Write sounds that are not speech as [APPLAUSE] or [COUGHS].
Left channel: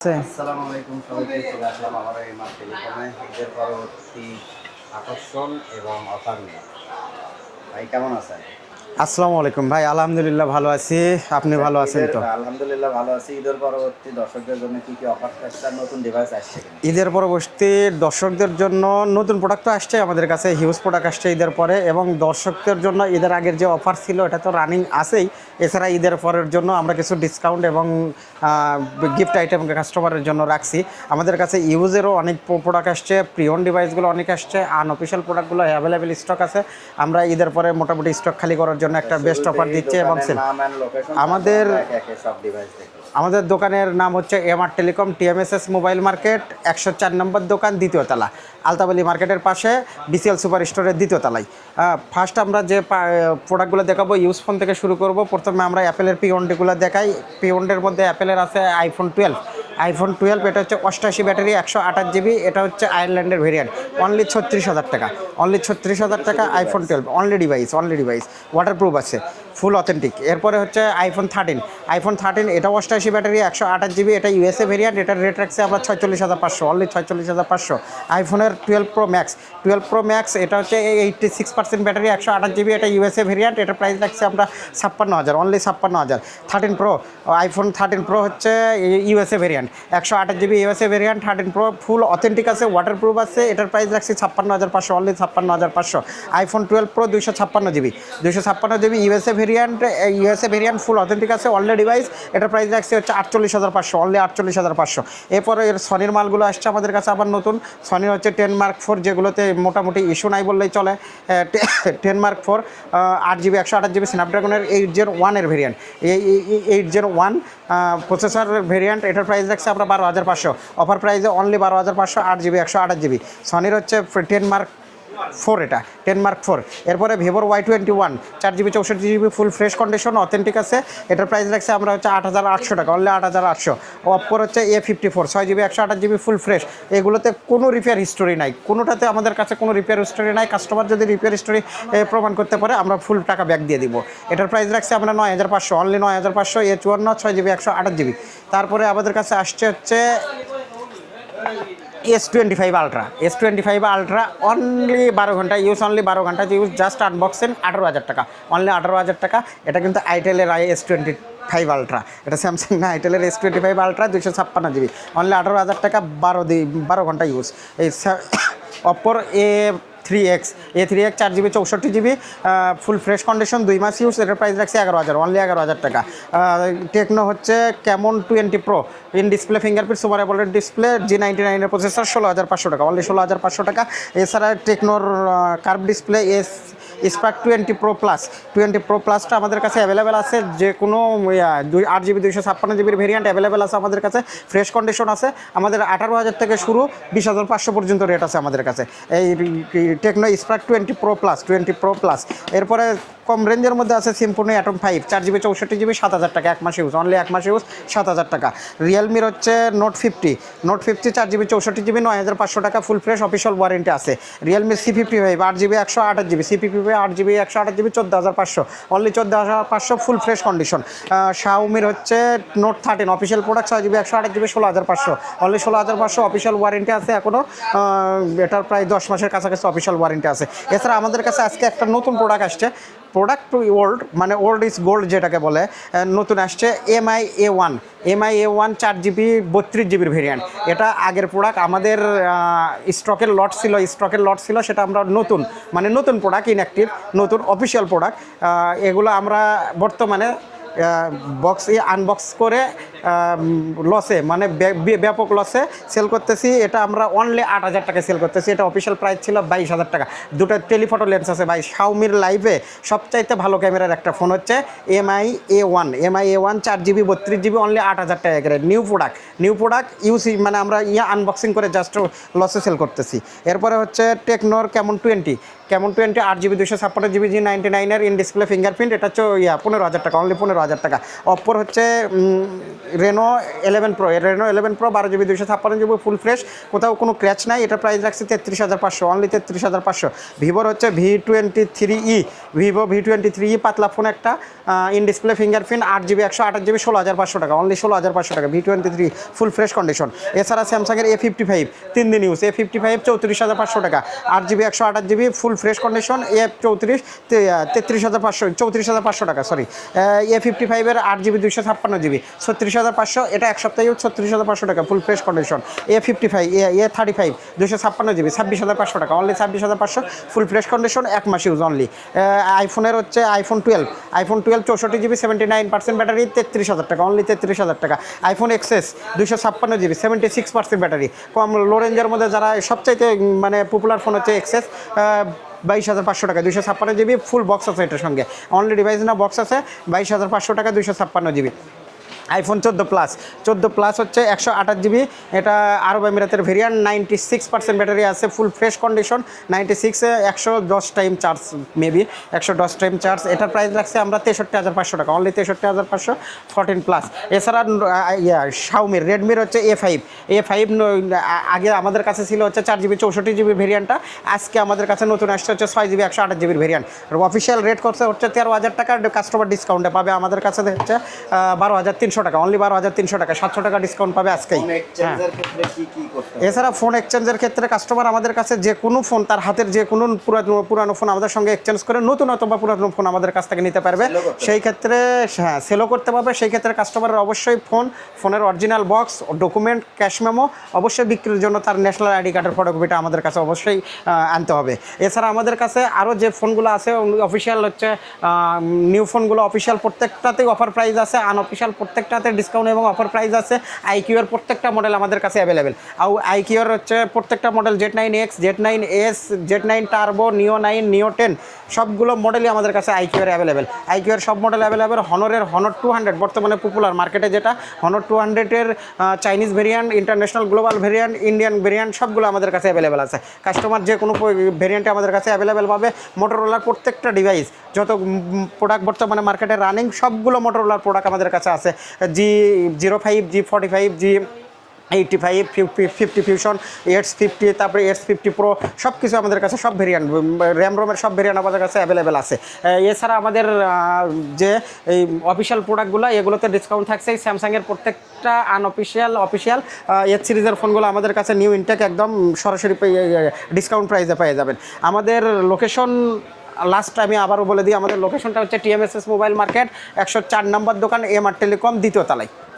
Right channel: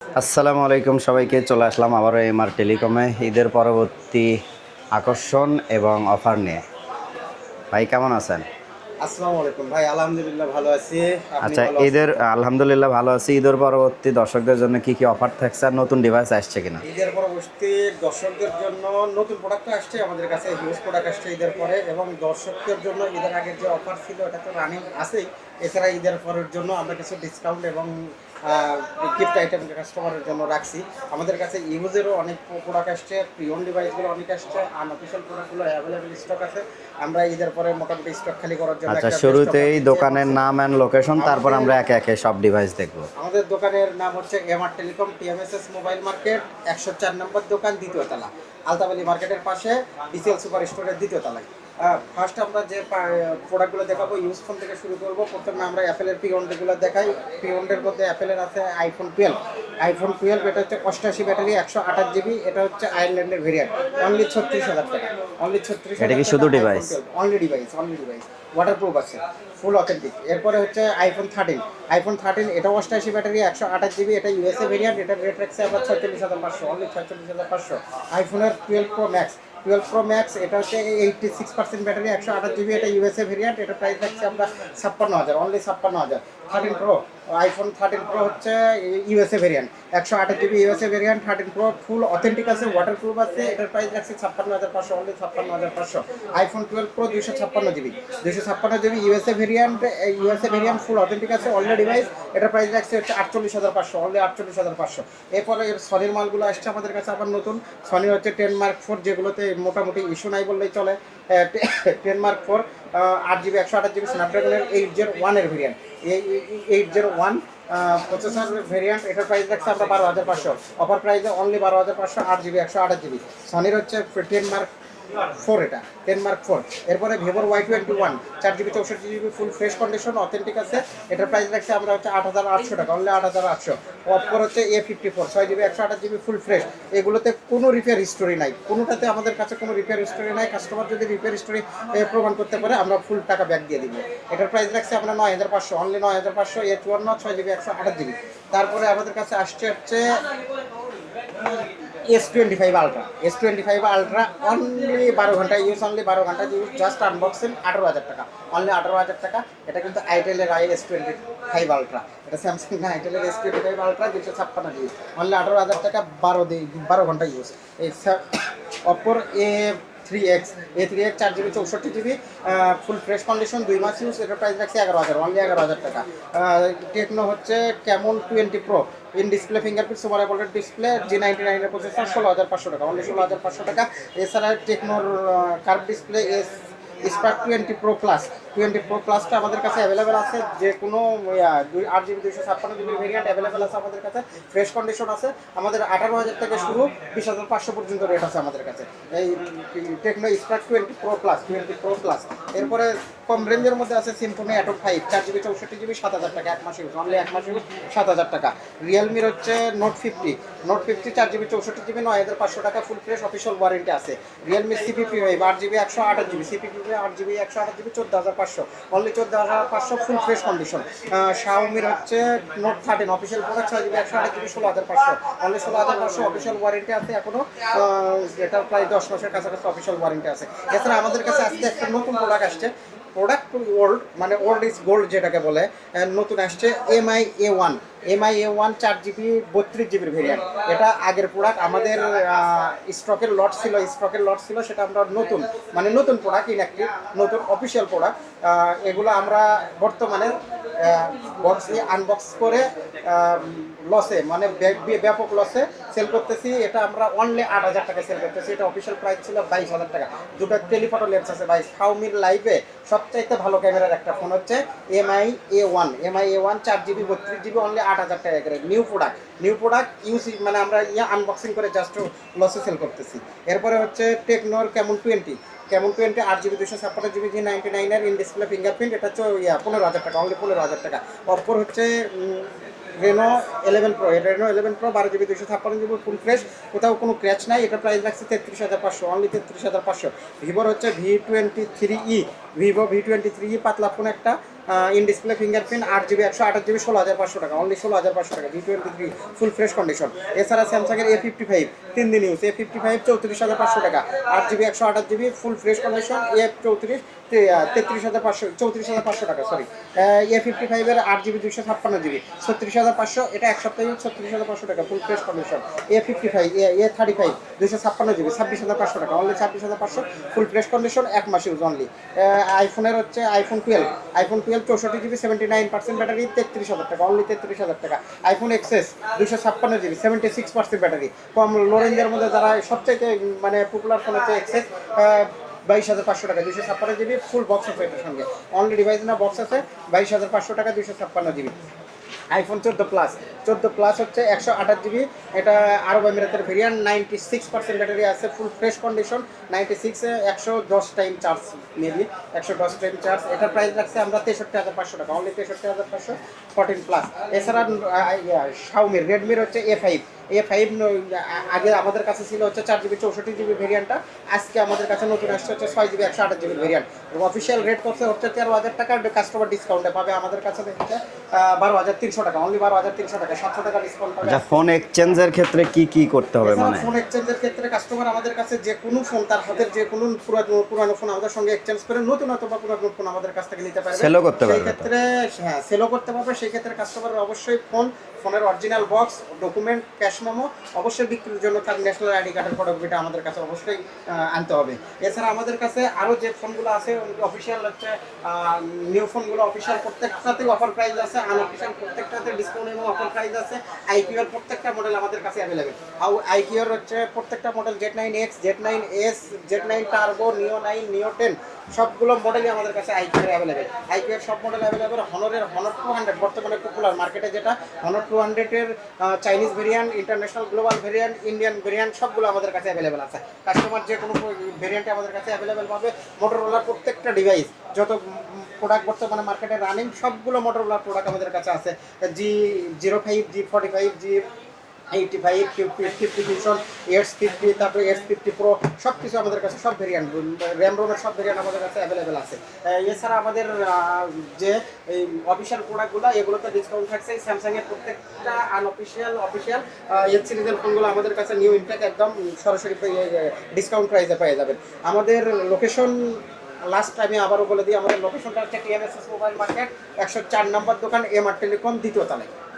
আসসালামু আলাইকুম সবাইকে, চলে আসলাম আবারও এমআর টেলিকমে ঈদের পরবর্তী আকর্ষণ এবং অফার নিয়ে। ভাই, কেমন আছেন? আসসালামু আলাইকুম ভাই আলহামদুলিল্লাহ ভালো আছি। আপনি আচ্ছা, ভালো আছেন ঈদের আলহামদুলিল্লাহ ভালো আছি। ঈদের পরবর্তী দর্শকদের জন্য কি কি অফার থাকছে আর নতুন ডিভাইস আসছে কিনা? ঈদের পরবর্তী দর্শকদের জন্য নতুন প্রোডাক্ট তো আসছে আমাদের কাছে হিউজ প্রোডাক্ট আসছে ঈদের পরে এবং দর্শকদের জন্য ঈদের আগের যে অফার ছিল এটা তো রানিং আছেই। এছাড়া ঈদের পরের জন্য আমরা কিছু ডিসকাউন্ট এবং গিফট আইটেম কাস্টমারের জন্য রাখছি। আমাদের কাছে ইউজেরও অনেক প্রোডাক্ট আসছে প্রিয়ন ডিভাইসগুলো অনেক আসছে আনঅফিসিয়াল প্রোডাক্টগুলো অ্যাভেলেবেল স্টক আছে। আমরা ঈদের পরে মোটামুটি স্টক খালি করার জন্য আচ্ছা একটা বেস্ট অফার দিচ্ছি দোকানের নাম এন্ড লোকেশন তারপর আমরা একে একে সব ডিভাইস দেখব। আমাদের দোকানের নাম হচ্ছে MR telecom TMSS mobile market একশো চার নম্বর দোকান দ্বিতীয় তলা। আলতাবালি মার্কেটের পাশে বিসিএল সুপার স্টোরের দ্বিতীয় তলায়। ফার্স্ট আমরা যে প্রোডাক্টগুলো দেখাবো ইউজ ফোন থেকে শুরু করব। প্রথমে আমরা অ্যাপেলের পিওনডিগুলো দেখাই। পিওনডির মধ্যে অ্যাপেলের আছে আইফোন টুয়েলভ আইফোন টুয়েলভ এটা হচ্ছে অষ্টাশি ব্যাটারি একশো আঠাশ জিবি এটা হচ্ছে আয়ারল্যান্ডের ভেরিয়েন্ট অনলি ছত্রিশ হাজার টাকা অনলি ছত্রিশ হাজার টাকা iPhone twelve only device only device waterproof আছে। Full authentic. এরপরে হচ্ছে আইফোন থার্টিন আইফোন থার্টিন এটা অষ্টাশি ব্যাটারি, একশো আঠাশ জিবি, এটা ইউএসএ ভেরিয়েন্ট এটার রেট রাখছে আমরা ছয়চল্লিশ হাজার পাঁচশো অনলি ছয়চল্লিশ হাজার পাঁচশো। আইফোনের twelve pro max twelve pro max এটা হচ্ছে এইটটি সিক্স পার্সেন্ট ব্যাটারি, একশো আঠাশ জিবি, এটা ইউএসএ ভেরিয়েন্ট এটা প্রাইস রাখছে আমরা ছাপ্পান্ন হাজার অনলি ছাপ্পান্ন হাজার। Thirteen pro iPhone thirteen pro হচ্ছে ইউএসএ ভেরিয়েন্ট একশো আঠাশ GB USA variant thirteen pro full authentic আছে ওয়াটার প্রুফ আছে, এটার প্রাইস রাখছে ছাপ্পান্ন হাজার পাঁচশো অনলি ছাপ্পান্ন হাজার পাঁচশো। আইফোন টুয়েলভ প্রো দুইশো ছাপ্পান্ন জিবি। দুইশো ছাপ্পান্ন GB USA variant USA variant full authentic আছে অনলি ডিভাইস এটার প্রাইস রাখছি হচ্ছে আটচল্লিশ হাজার পাঁচশো অনলি আটচল্লিশ হাজার পাঁচশো। এরপরে এর সনির মালগুলো আসছে আমাদের কাছে আবার নতুন। সনি হচ্ছে টেন মার্ক ফোর যেগুলোতে মোটামুটি ইস্যু নাই বললেই চলে। টেন মার্ক ফোর আট জিবি একশো আঠাশ জিবি স্ন্যাপড্রাগনের এইট জিরো ওয়ানের ভেরিয়েন্ট এই eight zero one processor variant এটার প্রাইস রাখছে আমরা বারো হাজার পাঁচশো। অফার প্রাইসে অনলি বারো হাজার পাঁচশো, আট জিবি একশো আঠাশ জিবি সনির হচ্ছে টেন মার্ক ফোর এটা টেন মার্ক ফোর এরপরে ভিভোর ওয়াই টোয়েন্টি ওয়ান চার জিবি চৌষট্টি GB full fresh condition authentic আছে। এটার প্রাইস রাখছে আমরা হচ্ছে আট হাজার আটশো টাকা অনলি আট হাজার আটশো। অপর হচ্ছে এ ফিফটি ফোর ছয় জিবি একশো আঠাশ জিবি ফুল ফ্রেশ এগুলোতে কোনো রিপেয়ার হিস্টোরি নাই। কোনোটাতে আমাদের কাছে কোনো রিপেয়ার হিস্টোরি নাই। কাস্টমার যদি রিপেয়ার হিস্টোরি প্রমাণ করতে পারে, আমরা ফুল টাকা ব্যাক দিয়ে দিব। এটার প্রাইস রাখছে আমরা নয় হাজার পাঁচশো অনলি নয় হাজার পাঁচশো এ চুয়ান্ন ছয় জিবি একশো আঠাশ জিবি তারপরে আমাদের কাছে আসছে হচ্ছে S twenty five ultra S twenty five ultra only বারো ঘণ্টা ইউজ অনলি বারো ঘণ্টা ইউজ জাস্ট আনবক্সিং আঠারো হাজার টাকা। অনলি আঠারো হাজার টাকা, এটা কিন্তু আইটেলের I S twenty five ultra এটা স্যামসাং না আইটেলের এস টোয়েন্টি ফাইভ আলট্রা দুশো ছাপ্পান্ন জিবি অনলি আঠারো হাজার টাকা, বারো দি বারো ঘণ্টা ইউজ এই অপর A [COUGHS] three X A three X চার জিবি চৌষট্টি জিবি ফুল ফ্রেশ কন্ডিশন দুই মাস ইউজ এটার প্রাইস রাখছে এগারো হাজার অনলি এগারো হাজার টাকা। টেকনো হচ্ছে কেমন twenty pro in display fingerprint super display G ninety নাইনের প্রসেসর ষোলো হাজার পাঁচশো টাকা অনলি ষোলো হাজার পাঁচশো টাকা। এছাড়া টেকনোর curve display S spark twenty pro plus twenty pro প্লাসটা আমাদের কাছে অ্যাভেলেবেল আছে। যে কোনো দুই, আট জিবি দুইশো ছাপ্পান্ন জিবির ভেরিয়েন্ট অ্যাভেলেবেল আছে আমাদের কাছে। ফ্রেশ কন্ডিশন আছে। আমাদের আঠারো হাজার থেকে শুরু, বিশ হাজার পাঁচশো পর্যন্ত রেট আছে আমাদের কাছে। এই Tecno spark twenty pro plus twenty pro plus এরপরে কম রেঞ্জের মধ্যে আছে সিম্পনি অ্যাটম ফাইভ চার জিবি চৌষট্টি জিবি সাত হাজার টাকা, এক মাস ইউজ অনলি এক মাস ইউজ সাত হাজার টাকা। রিয়েলমির হচ্ছে নোট ফিফটি নোট ফিফটি চার জিবি চৌষট্টি জিবি নয় হাজার পাঁচশো টাকা ফুল ফ্রেশ অফিসিয়াল ওয়ারেন্টি আছে। রিয়েলমি সি ফিফটি ফাইভ আট জিবি একশো আঠাশ জিবি সি ফিফটি ফাইভ আট জিবি, একশো আঠাশ জিবি, চোদ্দ হাজার পাঁচশো। অনলি চোদ্দ হাজার পাঁচশো ফুল ফ্রেশ কন্ডিশন শাওমির হচ্ছে নোট থার্টিন অফিসিয়াল প্রোডাক্ট ছয় জিবি, একশো আঠাশ জিবি, ষোলো হাজার পাঁচশো। অনলি ষোলো হাজার পাঁচশো অফিসিয়াল ওয়ারেন্টি আছে এখনও এটার প্রায় দশ মাসের কাছাকাছি অফিসিয়াল ওয়ারেন্টি আছে। এছাড়া আমাদের কাছে আজকে একটা নতুন প্রোডাক্ট আসছে। প্রোডাক্ট ওল্ড মানে ওল্ড ইজ গোল্ড যেটাকে বলে নতুন আসছে Mi A one Mi A one চার জিবি বত্রিশ জিবির ভেরিয়েন্ট এটা আগের প্রোডাক্ট আমাদের স্টকের লট ছিল স্টকের লট ছিল, সেটা আমরা নতুন মানে নতুন প্রোডাক্ট ইনঅ্যাক্টিভ নতুন অফিসিয়াল প্রোডাক্ট এগুলো আমরা বর্তমানে বক্স আনবক্স করে লসে মানে ব্য- ব্য- ব্যাপক লসে সেল করতেছি। এটা আমরা অনলি আট হাজার টাকা সেল করতেছি। এটা অফিসিয়াল প্রাইস ছিল বাইশ হাজার টাকা। দুটো টেলিফটো লেন্স আছে ভাই। শাওমির লাইভে সবচাইতে ভালো ক্যামেরার একটা ফোন হচ্ছে Mi A one Mi A one চার জিবি বত্রিশ জিবি অনলি আট হাজার টাকা নিউ প্রোডাক্ট নিউ প্রোডাক্ট ইউসি মানে আমরা ইয়ে আনবক্সিং করে জাস্ট লসে সেল করতেছি। এরপরে হচ্ছে টেকনোর কেমন টোয়েন্টি কেমন টোয়েন্টি আট জিবি দুশো ছাপ্পান্ন জিবি জি নাইনটি নাইনের ইন ডিসপ্লে ফিঙ্গারপ্রিন্ট এটা হচ্ছে ইয়া পনেরো হাজার টাকা অনলি পনেরো হাজার টাকা। অপর হচ্ছে Reno eleven pro Reno eleven pro বারো জিবি দুশো ছাপ্পান্ন জিবি ফুল ফ্রেশ কোথাও কোনো ক্র্যাচ নাই এটার প্রাইস রাখছে তেত্রিশ হাজার পাঁচশো অনলি তেত্রিশ হাজার পাঁচশো। ভিভোর হচ্ছে V twenty three E Vivo V twenty three E পাতলা ফোন একটা ইন ডিসপ্লে ফিঙ্গারপ্রিন্ট আট জিবি একশো আঠাশ জিবি ষোলো হাজার পাঁচশো টাকা অনলি ষোলো হাজার পাঁচশো টাকা V twenty three full fresh condition এছাড়া স্যামসাংয়ের এ ফিফটি ফাইভ তিন দিন ইউজ এ ফিফটি ফাইভ চৌত্রিশ হাজার পাঁচশো টাকা। আট জিবি একশো আঠাশ GB full fresh condition A চৌত্রিশ তেত্রিশ হাজার পাঁচশো, চৌত্রিশ হাজার পাঁচশো টাকা সরি এ ফিফটি ফাইভের আট জিবি দুইশো ছাপ্পান্ন জিবি ছত্রিশ হাজার পাঁচশো, এটা এক সপ্তাহে ছত্রিশ হাজার পাঁচশো টাকা full fresh condition A fifty five A thirty five দুশো ছাপ্পান্ন জিবি ছাব্বিশ হাজার পাঁচশো টাকা অনলি ছাব্বিশ হাজার পাঁচশো ফুল ফ্রেশ কন্ডিশন এক মাস ইউজ অনলি আইফোনের হচ্ছে আইফোন টুয়েলভ আইফোন টুয়েলভ চৌষট্টি GB seventy nine percent battery তেত্রিশ হাজার টাকা অনলি তেত্রিশ হাজার টাকা। আইফোন এক্সেস দুশো ছাপ্পান্ন GB seventy six percent battery কম লো রেঞ্জের মধ্যে যারা সবচাইতে মানে পপুলার ফোন হচ্ছে এক্সেস বাইশ হাজার পাঁচশো টাকা দুশো ছাপ্পান্ন জিবি ফুল বক্স আছে এটার সঙ্গে। অনলি ডিভাইস না বক্স আছে, বাইশ হাজার পাঁচশো টাকা দুশো ছাপ্পান্ন জিবি। আইফোন চোদ্দ প্লাস চোদ্দ প্লাস হচ্ছে একশো আঠাশ জিবি এটা আরব এমিরাতের variant ninety six percent battery আছে ফুল ফ্রেশ কন্ডিশন নাইনটি সিক্সে একশো দশ টাইম চার্জ মেবি একশো দশ টাইম চার্জ এটার প্রাইস রাখছে আমরা তেষট্টি হাজার পাঁচশো টাকা অনলি তেষট্টি হাজার পাঁচশো ফোরটিন প্লাস এছাড়া ইয়া রেডমির হচ্ছে এ ফাইভ এ ফাইভ আগে আমাদের কাছে ছিল হচ্ছে চার জিবি চৌষট্টি জিবি ভেরিয়ান্টটা আজকে আমাদের কাছে নতুন আসছে হচ্ছে ছয় জিবি একশো আঠাশ জিবির ভেরিয়ান্ট অফিসিয়াল রেট করছে হচ্ছে তেরো হাজার টাকা কাস্টমার ডিসকাউন্টে পাবে আমাদের কাছে হচ্ছে বারো হাজার তিনশো টাকা অনলি বারো হাজার তিনশো টাকা সাতশো টাকা ডিসকাউন্ট পাবে আজকে। ফোন এক্সচেঞ্জের ক্ষেত্রে কি কি করতে হবে এছাড়া? ফোন এক্সচেঞ্জের ক্ষেত্রে কাস্টমার আমাদের কাছে যে কোনো ফোন তার হাতের যে কোনো পুরানো পুরানো ফোন আমাদের সঙ্গে এক্সচেঞ্জ করে নতুন অথবা পুরানো ফোন আমাদের কাছ থেকে নিতে পারবে। সেই ক্ষেত্রে হ্যাঁ সেলও করতে পারবে। সেই ক্ষেত্রে কাস্টমারের অবশ্যই ফোন ফোনের original box document cash memo অবশ্যই বিক্রির জন্য তার ন্যাশনাল আইডি কার্ডের ফটোকপিটা আমাদের কাছে অবশ্যই আনতে হবে। এছাড়া আমাদের কাছে আরও যে ফোনগুলো আছে অফিসিয়াল হচ্ছে নিউ ফোনগুলো অফিসিয়াল প্রত্যেকটাতেই অফার প্রাইস আছে আনঅফিসিয়াল প্রত্যেকটাতে ডিসকাউন্ট এবং অফার প্রাইস আছে। আইকিউ এর প্রত্যেকটা মডেল আমাদের কাছে অ্যাভেলেবেল আর আইকিউ এর হচ্ছে প্রত্যেকটা model Z nine X Z nine S Z nine turbo neo nine neo ten সবগুলো মডেলই আমাদের কাছে আইকিউ এর অ্যাভেলেবেল আইকিউ এর সব মডেল অ্যাভেলেবেল হনরের হনর টু হান্ড্রেড বর্তমানে পপুলার মার্কেটে যেটা। হনর টু হান্ড্রেডের Chinese variant international global variant Indian variant সবগুলো আমাদের কাছে অ্যাভেলেবেল আছে। কাস্টমার যে কোনো ভেরিয়েন্টে আমাদের কাছে অ্যাভেলেবেল পাবে। মোটরোলার প্রত্যেকটা ডিভাইস যত প্রোডাক্ট বর্তমানে মার্কেটে রানিং সবগুলো মোটরোলার প্রোডাক্ট আমাদের কাছে আছে। G zero five G forty five G eighty five fifty fifty fusion edge fifty তারপরে এইটস ফিফটি প্রো সব কিছু আমাদের কাছে, সব ভেরিয়েন্ট র্যাম রোমের সব ভেরিয়েন্ট আমাদের কাছে অ্যাভেলেবেল আছে। এছাড়া আমাদের যে এই অফিসিয়াল প্রোডাক্টগুলো এগুলোতে ডিসকাউন্ট থাকছে। স্যামসাংয়ের প্রত্যেকটা আনঅফিসিয়াল অফিসিয়াল এইচ সিরিজের ফোনগুলো আমাদের কাছে নিউ ইনটেক একদম সরাসরি ডিসকাউন্ট প্রাইসে পেয়ে যাবেন। আমাদের লোকেশন লাস্ট আমি আবারও বলে দিই, আমাদের লোকেশনটা হচ্ছে টিএমএসএস মোবাইল মার্কেট একশো চার নম্বর দোকান এম আর টেলিকম দ্বিতীয় তলায়।